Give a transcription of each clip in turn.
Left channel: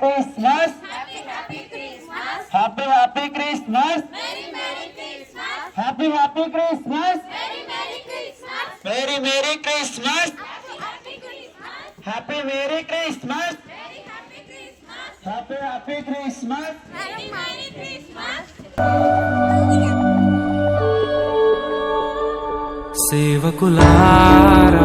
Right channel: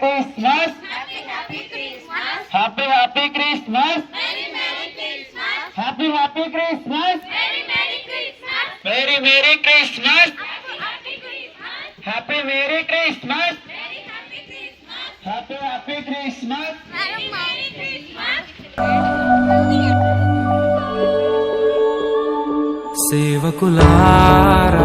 Christmas. Happy Happy Christmas. Happy Happy Christmas. Merry Merry Christmas. Happy Merry Christmas. Happy Happy Christmas. సేవకులారా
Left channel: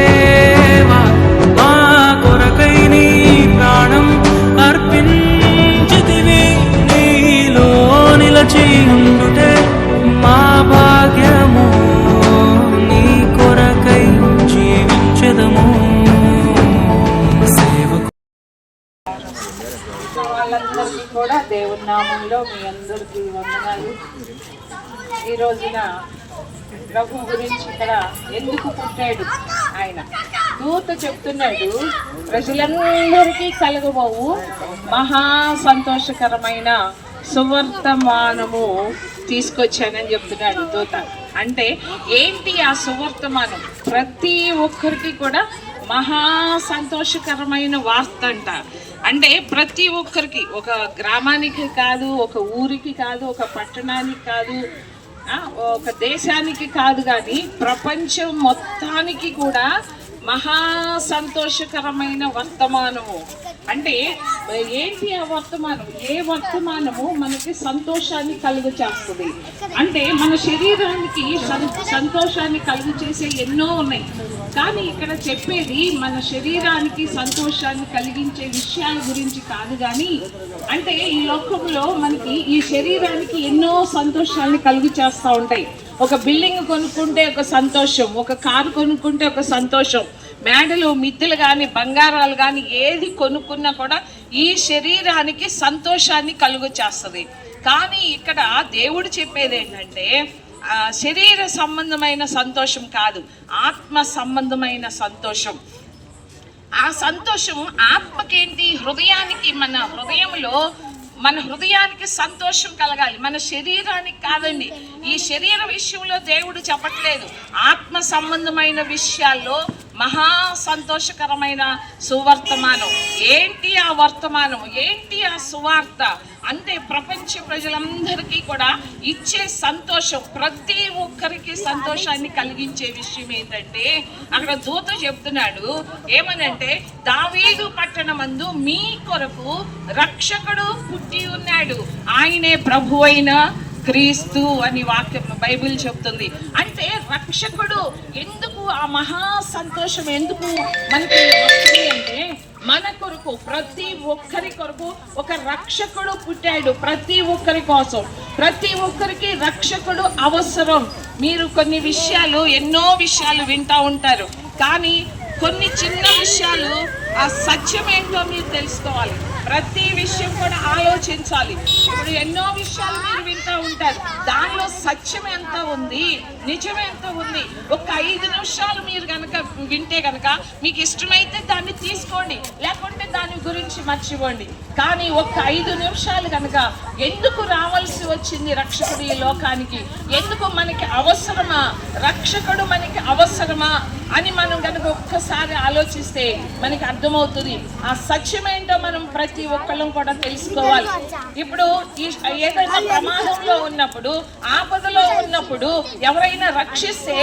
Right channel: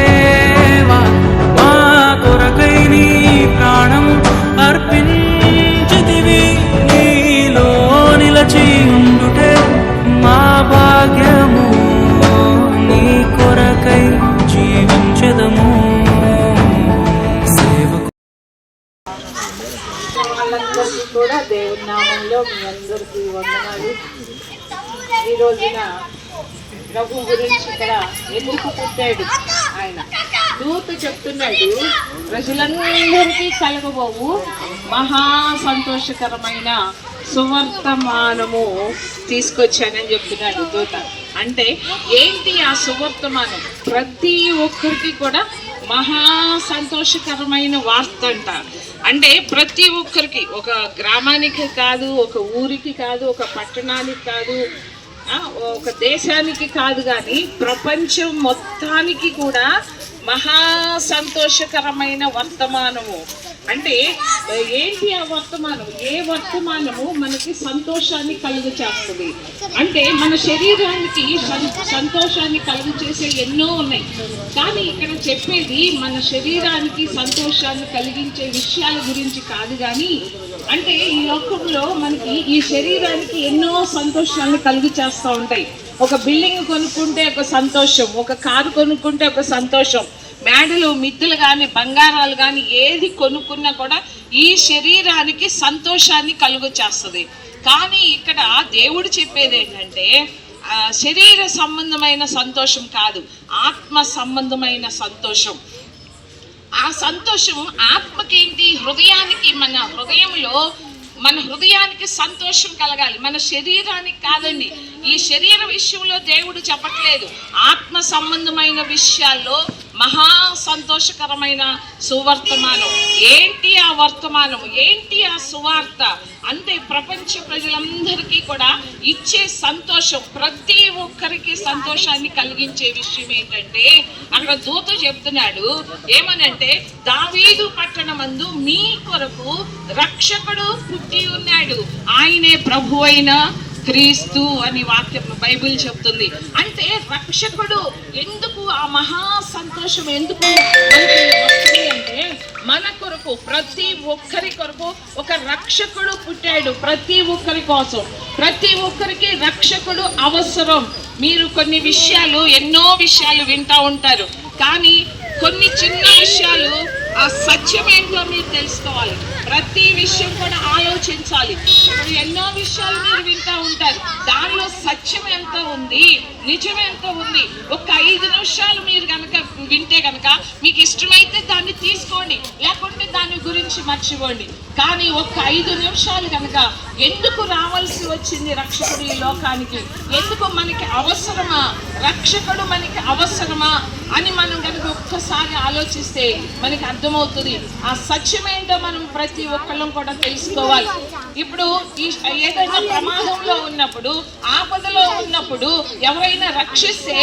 జీవించదము సేవకు వాళ్ళందరికీ కూడా దేవుడి నామంలో మీ అందరికీ వందనాలు. ఈ రోజున ప్రభు గురించి ఇక్కడ ఎందుకు పుట్టాడు? ఆయన దూత చెప్తున్నాడు ప్రజలందరికీ కలగబోవు. మహా సంతోషకరమైన సువర్తమానము తీసుకొచ్చానని చెప్తున్నాడు దూత. అంటే ఏంటి ఆ సువర్తమానం? ప్రతి ఒక్కరికి కూడా మహా సంతోషకరమైన వార్త అంట. అంటే ప్రతి ఒక్కరికి ఒక గ్రామానికి కాదు ఒక ఊరికి కాదు ఒక పట్టణానికి కాదు ఒక దేశానికి కాదు కానీ ప్రపంచం మొత్తానికి కూడా మహా సంతోషకరమైన వర్తమానము. అంటే ఏంటి ఆ వర్తమానం? ఏ వర్తమానము మనకి సంతోషాన్ని కలుగు చేస్తుంది అంటే మన శరీరానికి సంతోషాన్ని కలుగు చేసే ఎన్నో ఉన్నాయి. కానీ ఇక్కడ చెప్పేది మన శరీరానికి సంతోషాన్ని కలిగించే విషయాల గురించి కాదు కానీ అంటే ఈ లోకంలో మనకి ఈ శరీరానికి ఎన్నో సంతోషాన్ని కలుగు చేస్తూ ఉంటాయి. ఒక బిల్డింగ్ కొనుక్కుంటే ఒక సంతోషం ఒక కారు కొనుక్కుంటే ఒక సంతోషం. మేడలు మిత్తులు కానీ బంగారాలు కానీ ఏది కొనుక్కున్నా కూడా ఈ శరీరానికి సంతోషాన్ని కలుగు చేస్తుంది కానీ ఇక్కడ దేవుడు చెప్పేది ఏంటంటే శరీర సంబంధమైన సంతోషం కాదు ఆత్మ సంబంధమైన సంతోషం. ఆ సంతోషం ఆత్మకేంటి? హృదయానికి మన హృదయంలో మన హృదయానికి సంతోషం కలగాలి. మన శరీరానికి కాదండి. ఈ శరీర విషయంలో దేవుడు చెప్పట్లేదు. ఆత్మ సంబంధమైన విషయాల్లో మహా సంతోషకరమైన సువర్తమానం. ఏంటి ఆ వర్తమానం? ఏంటి ఆ సువార్త? అంటే ప్రపంచ ప్రజలందరికీ కూడా ఇచ్చే సంతోషం ప్రతి ఒక్కరికి సంతోషాన్ని కలిగించే విషయం ఏంటంటే అక్కడ దూత చెప్తున్నాడు ఏమనంటే దావీదు పట్టణమందు మీ కొరకు రక్షకుడు పుట్టి ఉన్నాడు. ఆయనే ప్రభు అయిన క్రీస్తు అని వాక్యం బైబిల్ చెప్తుంది. అంటే రక్షకుడు ఎందుకు ఆ మహా సంతోషం ఎందుకు మనకి అంటే మన కొరకు ప్రతి ఒక్కరి కొరకు ఒక రక్షకుడు పుట్టాడు ప్రతి ఒక్కరి కోసం. ప్రతి ఒక్కరికి రక్షకుడు అవసరం. మీరు కొన్ని విషయాలు ఎన్నో విషయాలు వింటూ ఉంటారు. కానీ కొన్ని చిన్న విషయాలు ఆ సత్యం ఏంటో మీరు తెలుసుకోవాలి. ప్రతి విషయం కూడా ఆలోచించాలి. ఎన్నో విషయాలు మీరు వింటూ ఉంటారు. దానిలో సత్యం ఎంత ఉంది? నిజం ఎంత ఉంది? ఒక ఐదు నిమిషాలు మీరు కనుక వింటే కనుక మీకు ఇష్టమైతే దాన్ని తీసుకోండి. లేకుంటే దాని గురించి మర్చిపోండి. కానీ ఒక ఐదు నిమిషాలు కనుక ఎందుకు రావాల్సి వచ్చింది రక్షకుడు ఈ లోకానికి? ఎందుకు మనకి అవసరమా? రక్షకుడు మనకి అవసరమా? అని మనం కనుక ఒక్కసారి ఆలోచిస్తే మనకి అర్థమవుతుంది. ఆ సత్యమేంటో మనం ప్రతి ప్రతి ఒక్కళ్ళం కూడా తెలుసుకోవాలి. ఇప్పుడు ఈ ఏదైనా ప్రమాదంలో ఉన్నప్పుడు ఆపదలో ఉన్నప్పుడు ఎవరైనా రక్షిస్తే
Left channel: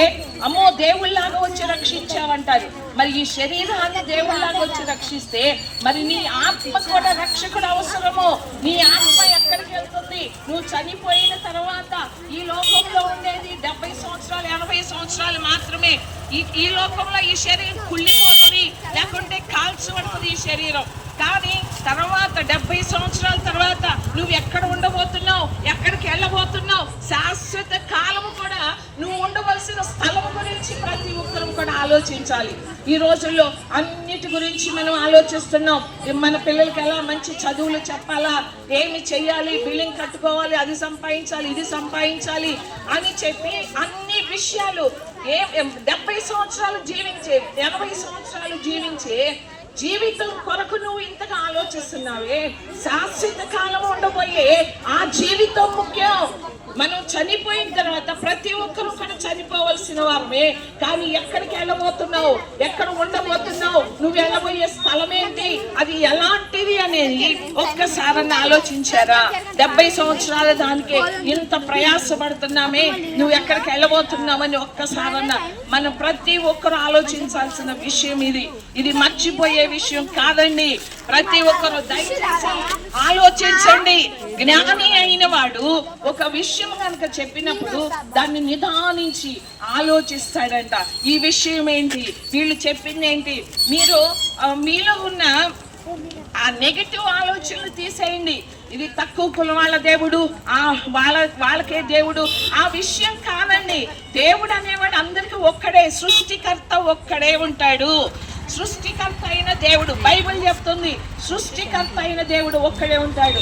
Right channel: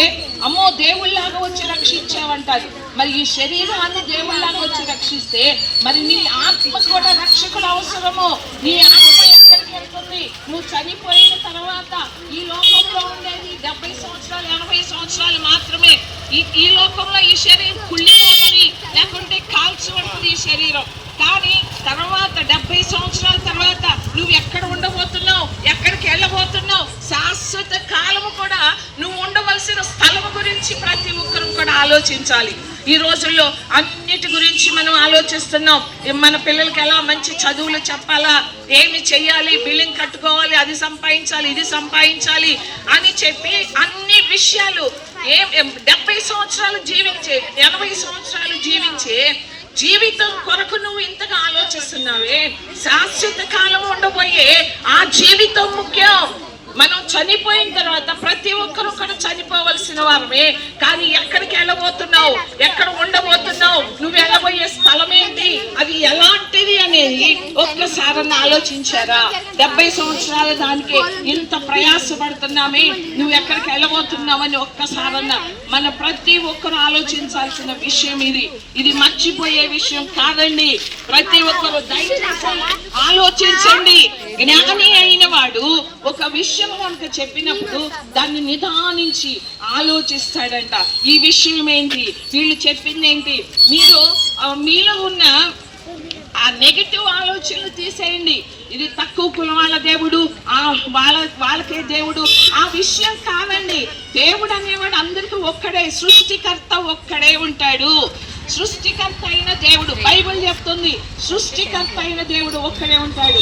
అమ్మో దేవుళ్ళలాగా వచ్చి రక్షించావంటారు. మరి ఈ శరీరాన్ని దేవుళ్ళలాగా వచ్చి రక్షిస్తే మరి నీ ఆత్మ కూడా రక్షకుడు అవసరము? నీ ఆత్మ ఎక్కడికి వెళ్తుంది? నువ్వు చనిపోయిన తర్వాత ఈ లోకంలో ఉండేది డెబ్బై సంవత్సరాలు ఎనభై సంవత్సరాలు మాత్రమే. ఈ ఈ లోకంలో ఈ శరీరం కుళ్ళిపోతుంది లేకుంటే కాల్చబడుతుంది ఈ శరీరం. కానీ తర్వాత డెబ్బై సంవత్సరాల తర్వాత నువ్వు ఎక్కడ ఉండబోతున్నావు? ఎక్కడికి వెళ్ళబోతున్నావు? శాశ్వత కాలము కూడా నువ్వు ఉండవలసిన స్థలం గురించి ప్రతి ఒక్కరూ కూడా ఆలోచించాలి. ఈ రోజుల్లో అన్నిటి గురించి మనం ఆలోచిస్తున్నాం. మన పిల్లలకి ఎలా మంచి చదువులు చెప్పాలా? ఏమి చెయ్యాలి? బిల్లింగ్ కట్టుకోవాలి అది సంపాదించాలి ఇది సంపాదించాలి అని చెప్పి అన్ని విషయాలు ఏం డెబ్బై సంవత్సరాలు జీవించే ఎనభై సంవత్సరాలు జీవించే జీవితం కొరకు నువ్వు ఇంతగా ఆలోచిస్తున్నావే? శాశ్వత కాలం ఉండబోయే ఆ జీవితం ముఖ్యం. మనం చనిపోయిన తర్వాత ప్రతి ఒక్కరు కూడా వారమే కానీ ఎక్కడికి వెళ్ళబోతున్నావు? ఎక్కడ ఉండబోతున్నావు? నువ్వు వెళ్ళబోయే స్థలం ఏంటి? అది ఎలాంటిది అనేది ఒక్కసారన్న ఆలోచించారా? డెబ్బై సంవత్సరాల దానికి ఇంత ప్రయాసపడుతున్నామే. నువ్వు ఎక్కడికి వెళ్ళబోతున్నావని ఒక్కసారన్న మన ప్రతి ఒక్కరు ఆలోచించాల్సిన విషయం ఇది. ఇది మర్చిపోయే విషయం కాదండి. ప్రతి ఒక్కరు దయచేసి ఆలోచించండి. జ్ఞాని అయిన వాడు ఒక విషయం కనుక చెప్పినప్పుడు దాన్ని నిదానించి ఆలోచిస్తాడంట. ఈ విషయం ఏంటి వీళ్ళు చెప్పింది ఏంటి మీరు మీలో ఉన్న ఆ నెగిటివ్ ఆలోచనలు తీసేయండి. ఇది తక్కువ కులం వాళ్ళ దేవుడు ఆ వాళ్ళ వాళ్ళకే దేవుడు. ఆ విషయం కాదండి. దేవుడు అనేవాడు అందరికీ ఒక్కడే సృష్టికర్త ఒక్కడే ఉంటాడు. సృష్టికర్త అయిన దేవుడు. బైబిల్ చెప్తుంది సృష్టికర్త అయిన దేవుడు ఒక్కడే ఉంటాడు.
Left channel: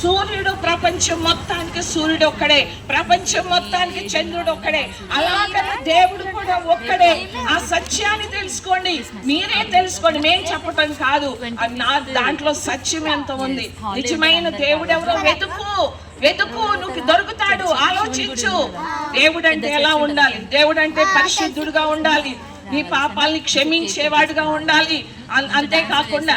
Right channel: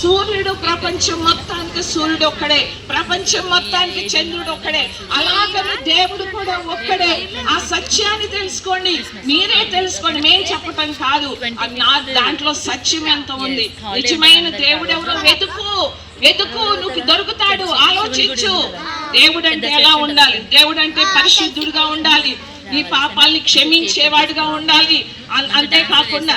సూర్యుడు ప్రపంచం మొత్తానికి సూర్యుడు ఒక్కడే. ప్రపంచం మొత్తానికి చంద్రుడు ఒక్కడే. అలాగనే దేవుడు కూడా ఒక్కడే. ఆ సత్యాన్ని తెలుసుకోండి. మీరే తెలుసుకోండి. మేం చెప్పటం కాదు. అది నా దాంట్లో సత్యం ఎంత ఉంది? నిజమైన దేవుడు ఎవరో వెతుకు. వెతుకు. నువ్వు దొరుకుతాడు. ఆలోచించు. దేవుడు అంటే ఎలా ఉండాలి? దేవుడు అంటే పరిశుద్ధుడుగా ఉండాలి. ఈ పాపాలని క్షమించేవాడుగా ఉండాలి. అంతేకాకుండా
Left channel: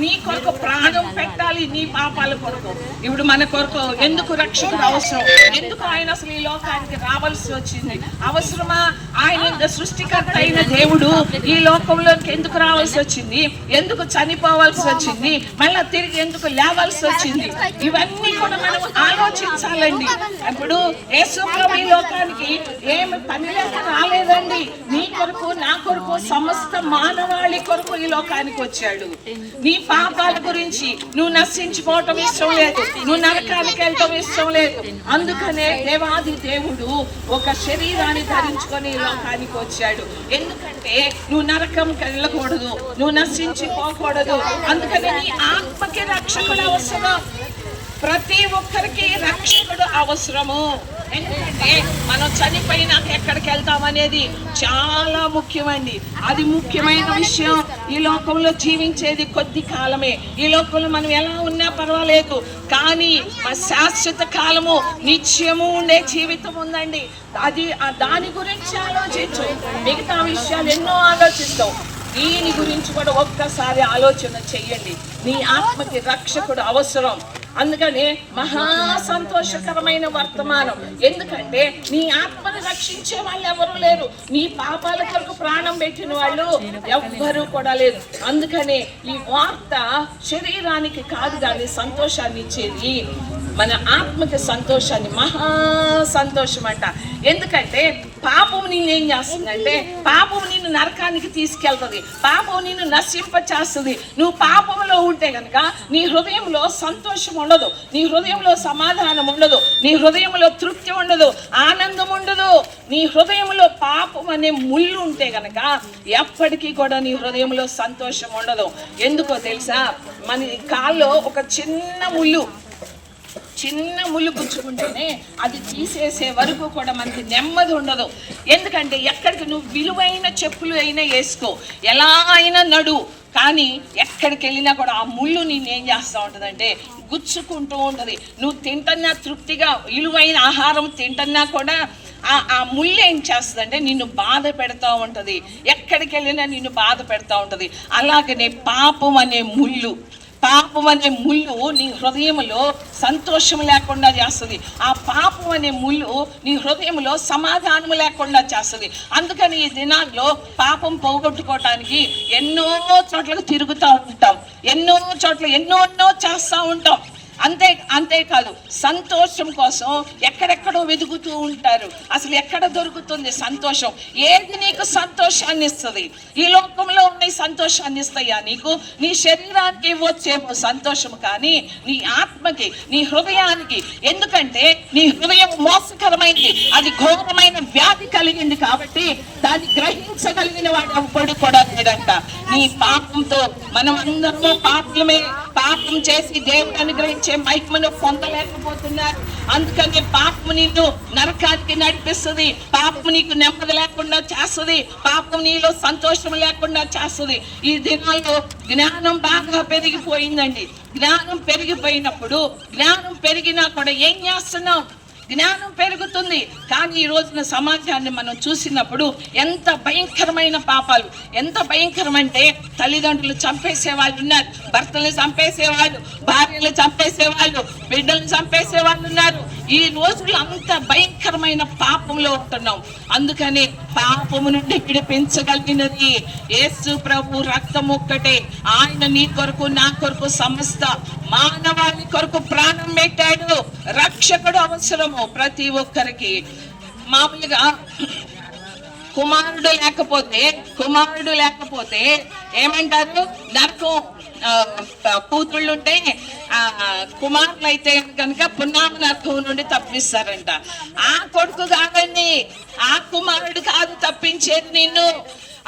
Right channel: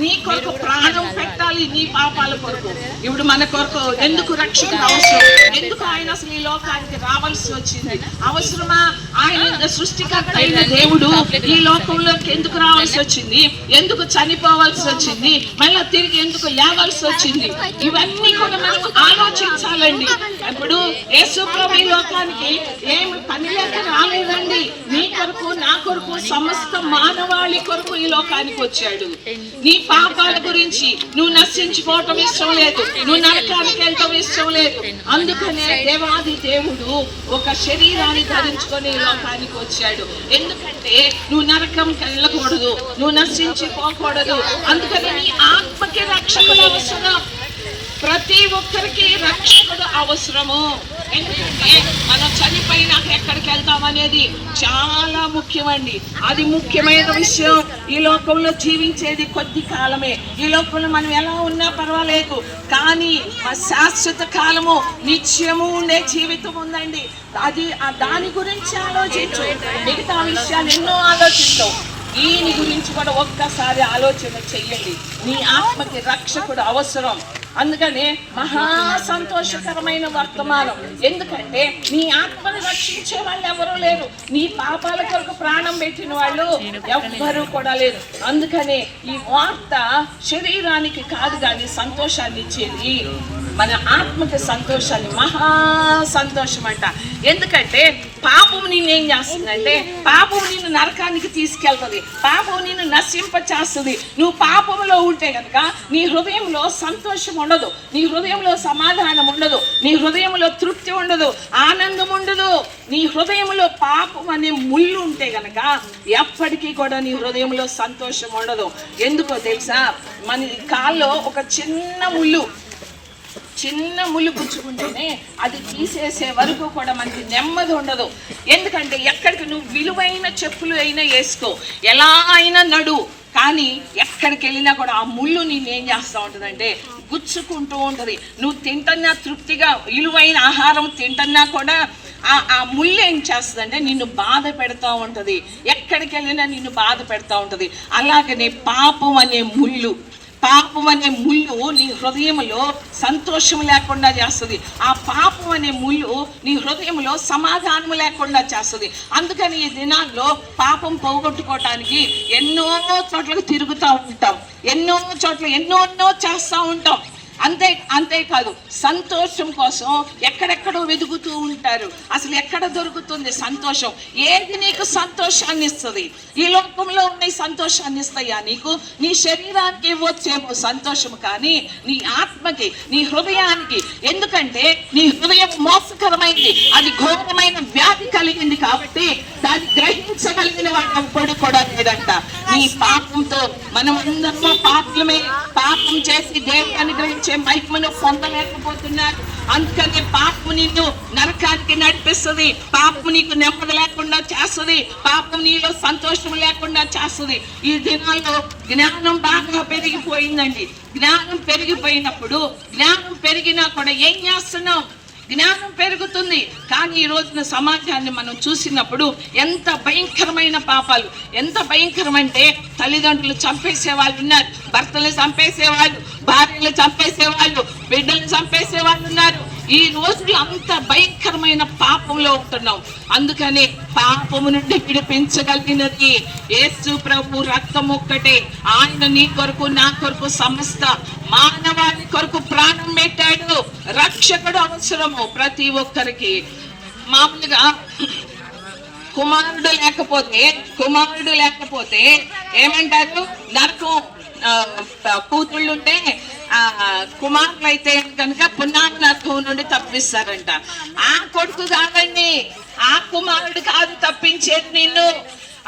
నీ కొరకు ప్రాణం పెట్టాలి నీ పాపాల కొరకు. ఇప్పుడు మన కొరకు ఎందుకు రక్షణ అవసరం? ఎందుకు ఆయన అసలు ఈ లోకానికి రావాల్సి వచ్చింది? అవసరమా? ఆయన సృష్టికర్త అయిన దేవుడు ఈ లోకంలోకి ఎందుకు రావాల్సి వచ్చింది? ఎందుకు చనిపోవాల్సి వచ్చింది? మళ్ళీ తిరిగి ఎందుకు లేవాల్సి వచ్చింది? ఇవన్నీ కూడా మనం ఆలోచించాలండి. ఇప్పుడు యేసుప్రభు ఈ లోకానికి ఏమి పని లేక రాలేదండి. నీ కొరకు నా కొరకు సమస్త మానవాళి కొరకు ఈ లోకానికి వచ్చాడు. నీ పాపాల గురించి నువ్వు నశించుకోవటం ఇష్టం లేదు. నువ్వు నరకానికి వెళ్ళటం ఇష్టం లేదు. అందుకనే దేవాది దేవుడు ఒక శరీరాన్ని ధరించుకొని లోకానికి వచ్చాడు. ఎందుకంటే నువ్వు నరకం వెళ్ళకూడదు. నువ్వు నశించిపోకూడదు. అందుకని నీ ఆత్మకి రక్షకుడు అవసరం. ప్రతి ఒక్కరికి రక్షకుడు అవసరము. ఎందుకంటే మనం చనిపోయినాక ఎక్కడికి వెళ్తాం అనేది చాలా ముఖ్యమండి. అది ముఖ్యమైన విషయం. ఈ లోకంలో జీవించేది కొద్ది కాలమే. ఈ లోకంలో మనం ఎలా ఉన్నా పర్వాలేదు. కానీ ఆ శాశ్వత కాలము నిత్యము ఉండే జీవితం ఉందండి. అది దాని గురించి ఆలోచించు. మిగతా విషయాలు ఎన్నో ఆలోచిస్తాం దీని గురించి కూడా ఒక్కసారి ఆలోచన చెయ్యండి. నీ ఆత్మకి రక్షకుడు అవసరం. అందుకనే మహా సంతోషకరమైన వర్తమానం. ఎందుకంటే నీ ఆత్మని రక్షించే వాళ్ళు ఎవరు లేరు. నీ పాపాల కొరకు ప్రాణం పెట్టిన వాళ్ళు ఎవ్వరూ కూడా లేరు. అందుకనే ఈ వార్త శరీరానికి కాదు కానీ సంతోషాన్ని ఇచ్చేది. మన ఆత్మకి సంతోషాన్ని మహా సంతోషం అంట ఎందుకంటే పాపం నిన్ను ఏం చేస్తుందంటే పాపం నిన్ను నరకానికి తీసుకెళ్తుంది పాపం నిన్ను నశింప చేస్తుంది నువ్వు పాపంలో ఉంటే కనుక నీ హృదయంలో సంతోషం ఉండదు నీ హృదయంలో సమాధానం ఉండదు నీ హృదయంలో తృప్తి ఉండదు ఆనందం ఉండదు. నీ హృదయంలో పాపం అనే ముళ్ళు ఉంటే గనక ఎప్పటికీ కూడా నీ హృదయంలో సంతోషం ఉండదు. ఎందుకో తెలుసా? మన కాల్లో ఒక చిన్న ముళ్ళు చిన్న ముళ్ళు పుచ్చుకుంటేనే అది తీసేసే వరకు కూడా మనకి నెమ్మది ఉండదు. ఎందుకంటే ఎక్కడికి నువ్వు విలువైన చెప్పులు అయినా వేసుకో. ఎలా అయినా నడు. కానీ ఎక్కడికి వెళ్ళినా కూడా ఆ ముళ్ళు నేను ఏం చేస్తూ ఉంటుందంటే గుచ్చుకుంటూ ఉంటుంది. నువ్వు తింటున్నా తృప్తిగా విలువైన ఆహారం తింటున్నా కూడా ఆ ఆ ముళ్ళు ఏం చేస్తుందంటే నిన్ను బాధ పెడతా ఉంటుంది. ఎక్కడికి వెళ్ళినా నిన్ను బాధ పెడతా ఉంటుంది. అలాగనే పాపం అనే ముళ్ళు. పాపం అనే ముళ్ళు నీ హృదయంలో సంతోషం లేకుండా చేస్తుంది. ఆ పాపం అనే ముళ్ళు నీ హృదయంలో సమాధానం లేకుండా చేస్తుంది. అందుకని ఈ దినాల్లో పాపం పోగొట్టుకోవటానికి ఎన్నో చోట్లకు తిరుగుతూ ఉంటాం. ఎన్నో చోట్ల ఎన్నో ఎన్నో చేస్తూ ఉంటాం. అంతే అంతేకాదు సంతోషం కోసం ఎక్కడెక్కడో వెతుకుతూ ఉంటారు. అసలు ఎక్కడ దొరుకుతుంది సంతోషం? ఏది నీకు సంతోషాన్ని ఇస్తుంది? ఈ లోకంలో ఉన్న సంతోషాన్ని ఇస్తాయా నీకు? నీ శరీరానికి ఇవ్వచ్చేమో సంతోషం కానీ నీ ఆత్మకి నీ హృదయానికి. ఎందుకంటే నీ హృదయం మోసకరమైంది. అది ఘోరమైన వ్యాధి కలిగింది కాబట్టి దాన్ని గ్రహించగలిగిన వాడు ఎవ్వడు కూడా లేదంట నీ పాపంతో మనం అందరము పాపలమే పాపం చేసి దేవుడు అనుగ్రహించే మహిమను పొందలేకపోతున్నారు. అందుకని పాపము నిన్ను నరకానికి నడిపిస్తుంది. పాపము నీకు నెమ్మది లేకుండా చేస్తుంది. పాపం నీలో సంతోషం లేకుండా చేస్తుంది. ఈ దినాల్లో జ్ఞానం బాగా పెరిగిపోయిందండి. జ్ఞానం పెరిగిపోయినప్పుడు జ్ఞానం పెరిగినా కూడా ఏం చేస్తున్నాం? జ్ఞానం పెరుగుతుంది. కానీ ఈ రోజున సమాజాన్ని మనం చూసినప్పుడు ఎంత భయంకరమైన పాపాలు ఎంత భయంకరమంటే తల్లిదండ్రులు చంపేసే వాళ్ళు ఉన్నారు భర్తలు చంపేసే వాళ్ళు భార్యలు చంపేసే వాళ్ళు బిడ్డలు చంపేసే వాళ్ళు ఉన్నారు. ఈ రోజులు అంత భయంకరమైన పాపంలో ఉంటున్నాం. అందుకని పాపము నుండి విడిపించగలిగినది యేసు ప్రభు రక్తం ఒక్కటే. ఆయన నీ కొరకు నా కొరకు సమస్త మానవాళి కొరకు ప్రాణం పెట్టాడు. రక్షకుడు అవసరము ప్రతి ఒక్కరికి. మామూలుగా కుమారుడు లేకపోతే కుమారుడు లేకపోతే ఏమంటారు? నరకం కూతుళ్ళు ఉంటే కుమారులు అయితే కనుక పున్నామ నరకం నుండి తప్పిస్తారంట. ఆ కొడుకు కాదండి. ఆ కుమారుడు కాదు తప్పించేది నిన్ను.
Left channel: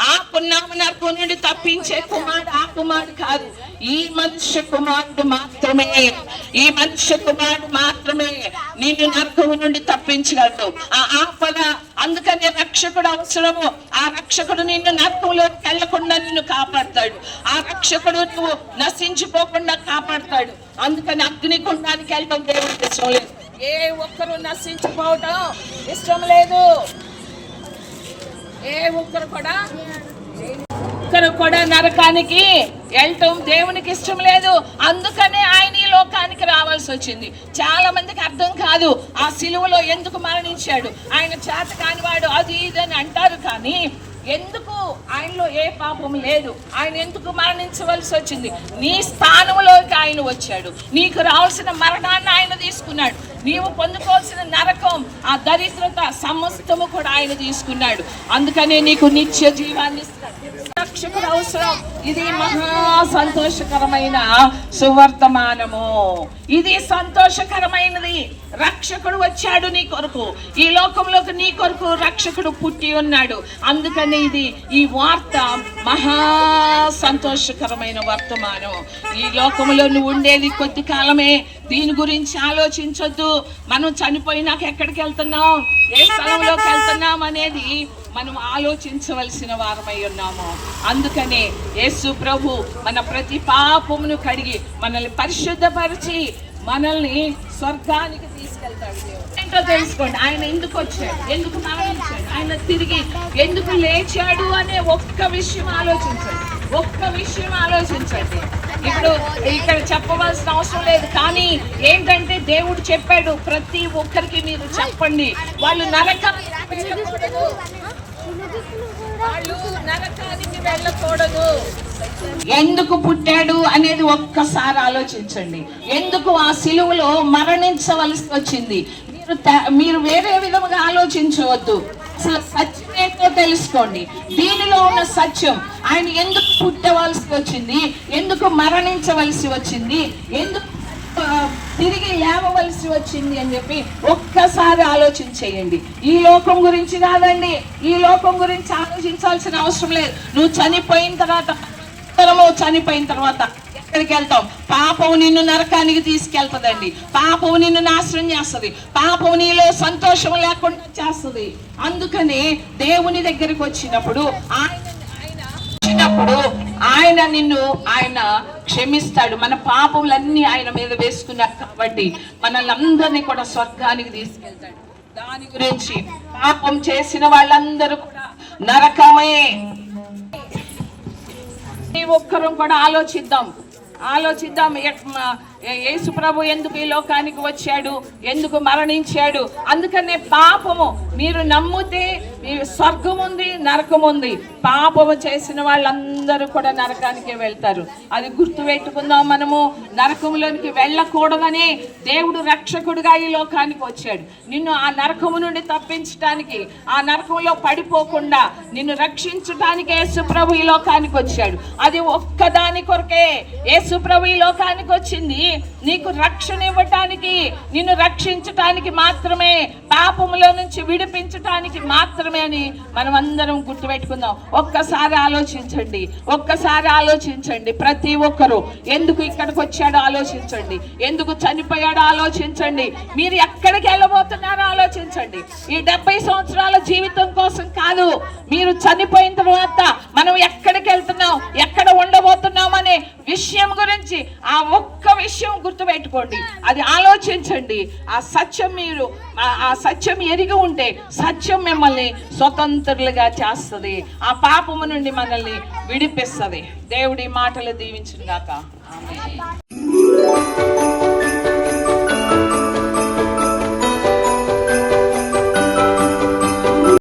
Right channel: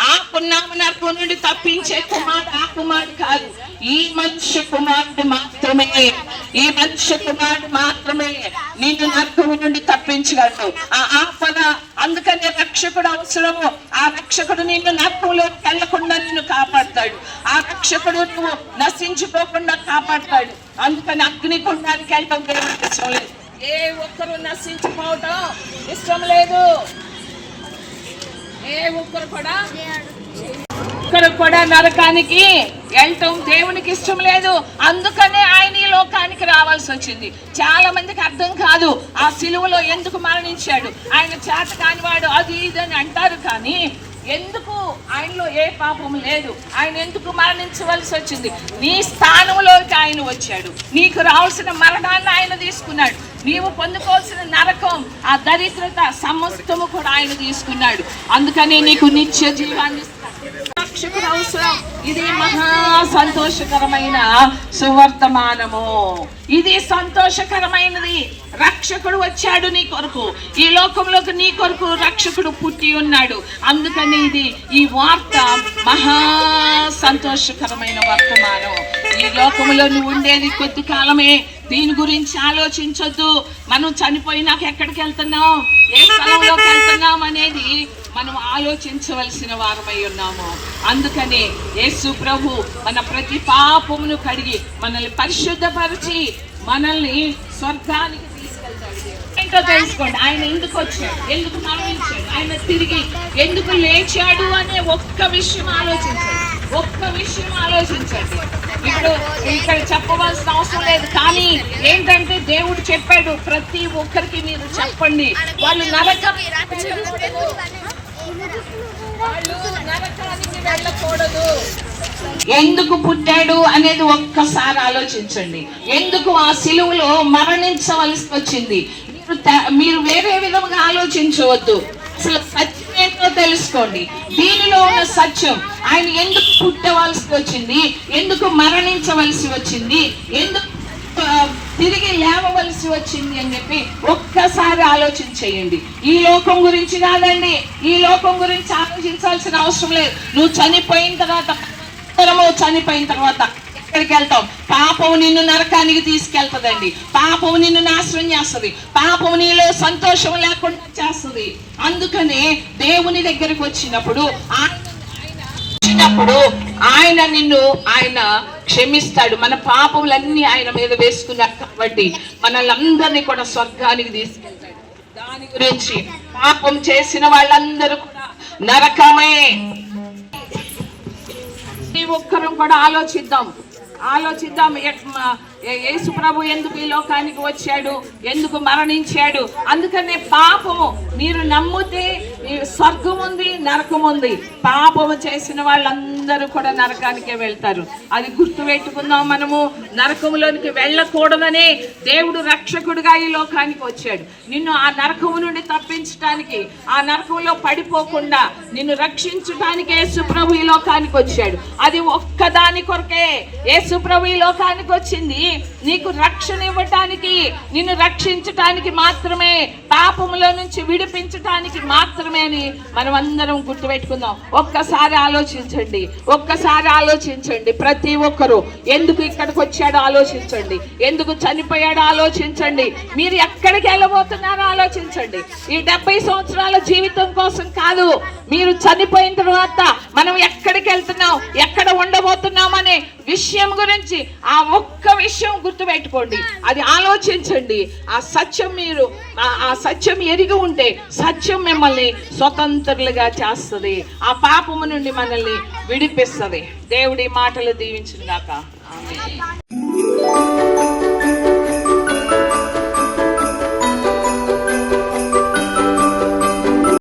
ఆ పున్నామనర్పు నుండి తప్పించే కుమారుడు ఆ కుమారుడు కాదు. ఈ మనుష్య కుమారుడు మాత్రమే. ఈ మనుష్య కుమారుడు మాత్రమే నిన్ను నరకము నుండి తప్పించగలడు. ఆ ఆపద అందుకని రక్షకుడు అవసరము. ఆ రక్షకుడు నిన్ను నరకంలోకి వెళ్ళకుండా నిన్ను కాపాడతాడు. ఆ రక్షకుడు నువ్వు నశించుకోకుండా కాపాడతాడు. అందుకని అగ్నికుండానికి వెళ్ళటం దేవుడికి ఇష్టం లేదు. ఏ ఒక్కరు నశించుకోవటం ఇష్టం లేదు. ఏ ఒక్కరు కూడా ఒక్కరు కూడా నరకానికి వెళ్ళటం దేవునికి ఇష్టం లేదు. అందుకనే ఆయన ఈ లోకానికి రావాల్సి వచ్చింది. చాలా మందికి అర్థం కాదు ఆ సిలువలో ఎందుకు మరణించాడు. ఆయన చేత కానివాడు అది ఇది అని అంటారు కానీ ఎందుకు ఆయనలో ఏ పాపం లేదు? ఆయన ఎందుకు మరణించవలసి వచ్చింది? నీ స్థానంలోకి ఆయన వచ్చాడు. నీకు రావాల్సిన మరణాన్ని ఆయన తీసుకున్నాడు. నీవు పొందుకోవాల్సిన నరకం ఆ దరిద్రత సమస్తము కూడా ఆయన తీసుకున్నాడు. అందుకనే నీకు నిత్య జీవాన్ని రక్షకుడు అవసరం ఇది మహా సంతోషకరమైన సువర్తమానము. ఇది సంతోషకరమైనది. రక్షకుడు వచ్చాడు నీ కొరకు. ఈ లోకంలోకి నీ కొరకు రక్షకుడు పుట్టి ఉన్నాడు. అందుకని ఇది ఈ వార్త మహా సంతోషకరమైన వర్తమానం. ఈ లోకంలో నువ్వు ఉండేది కొద్ది కాలమే. దీని గురించి ఆలోచించొద్దు. మనం చనిపోయినాక ఎక్కడికి వెళ్తున్నాం? ఏ స్థలంలోకి వెళ్తున్నాం అనేది మనం ఆలోచించవలసిన వారమై ఉన్నాము. అందుకనే యేసు ప్రభు మన ప్రతి పాపమును కడిగి మనల్ని పరిశుద్ధపరిచి మనల్ని స్వర్గానికి తీసుకెళ్తాడు ఏంటో తెలుసుకోండి ఆయన ఎందుకు వచ్చాడు? ఎందుకు మరణించాడు? ఆయన తిరిగి ఎందుకు లేచాడు అనే ఒక్క విషయం ఆలోచించండి. ఒక్క విషయం ఆలోచించండి. ఇప్పుడు ఇక్కడ చెప్పవలసిన అవసరం లేదు కానీ ఏంటంటే దేవుడు చెప్పాడు ప్రతి ఒక్కరికి మీరు చెప్పండి. వాళ్ళు నరకం వెళ్ళకూడదు ఎందుకు పుట్టాడు అనేది ఒక్కసారి ఆలోచించండి. ఎందుకు ఆ సిలువలో మరణించవలసి వచ్చింది? మీరు మీరు వేరే విధంగా ఆలోచించవద్దు. అసలు సత్యం ఏంటో తెలుసుకోండి. దీనిలో ఉన్న సత్యం ఆయన ఎందుకు పుట్టవలసి వచ్చింది? ఎందుకు మరణించవలసి వచ్చింది? ఎందుకు తిరిగి లేవవలసి వచ్చింది అని చెప్పి ఒక్కసారి ఆలోచించేయండి ఈ లోకం గురించి కాదండి. ఈ లోకం గురించి ఆలోచించాల్సిన అవసరం లేదు. నువ్వు చనిపోయిన తర్వాత మనము చనిపోయిన తర్వాత ఎక్కడికి వెళ్తాం పాపం నిన్ను నరకానికి తీసుకెళ్తదండి. పాపం నిన్ను నాశనం చేస్తుంది. పాపం నీలో సంతోషం లేకుండా చేస్తుంది. అందుకనే దేవుని దగ్గరికి వచ్చినప్పుడు ఆయన వచ్చినప్పుడు ఆయన నిన్ను ఆయన క్షమిస్తాడు. మన పాపములన్నీ ఆయన మీద వేసుకున్నాడు కాబట్టి మనల్ని అందరినీ కూడా స్వర్గానికి తీసుకెళ్తాడు. దాని గురించి పాపం చేసిన వాళ్ళందరూ కూడా నరకమే. ప్రతి ఒక్కరం కూడా ఆలోచిద్దాం. ఆలోచిద్దాం. యేసు ప్రభు ఎందుకు ఈ లోకానికి వచ్చాడు? ఎందుకు మరణించాడు? అందుకనే పాపము. మీరు నమ్మితే స్వర్గం ఉంది నరకం ఉంది పాపము చేసిన వాళ్ళందరూ కూడా నరకానికే వెళ్తారు. అది గుర్తు పెట్టుకుందాం మనము. నరకంలోనికి వెళ్ళకూడదని దేవుడు రక్షకుడిగా ఈ లోకానికి వచ్చాడు. నిన్ను ఆ నరకము నుండి తప్పించడానికి ఆ నరకంలో పడిపోకుండా నిన్ను రక్షించడానికి యేసుప్రభు ఈ లోకానికి వచ్చాడు. అది ఒక్కదాని కొరకే యేసుప్రభు ఈ లోకానికి వచ్చింది. నీకు రక్షణ ఇవ్వటానికి నిన్ను రక్షించటానికి మాత్రమే పాపములో నుంచి విడిపించటానికి మాత్రమే అని మనం అందరం గుర్తుపెట్టుకుందాం. ఒక్కసారి ఆలోచించండి. ఒక్కసారి ఆలోచించండి. ప్రతి ఒక్కరూ ఎందుకు ఇక్కడికి వచ్చాడో ఆలోచించండి. ఎందుకు చనిపోయాడో ఆలోచించండి. మీరు ఎక్కడికి వెళ్ళబోతున్నారో ఆలోచించండి. ఈ డెబ్బై సంవత్సరాల జీవితం కోసం కాదు మీరు చనిపోయిన తర్వాత మనం ఎక్కడికి వెళ్తున్నాం? ఎక్కడ ఉండబోతున్నాం అనే విషయం గురించి ఆ ఒక్క విషయం గుర్తుపెట్టుకోండి. అది ఆలోచించండి. ఆ సత్యం మీరు ఆ- సత్యం ఎరిగి ఉంటే సత్యం మిమ్మల్ని స్వతంత్రులుగా చేస్తుంది. ఆ పాపము నుండి మనల్ని విడిపిస్తుంది. దేవుడి మాటలు దీవించిన దాకా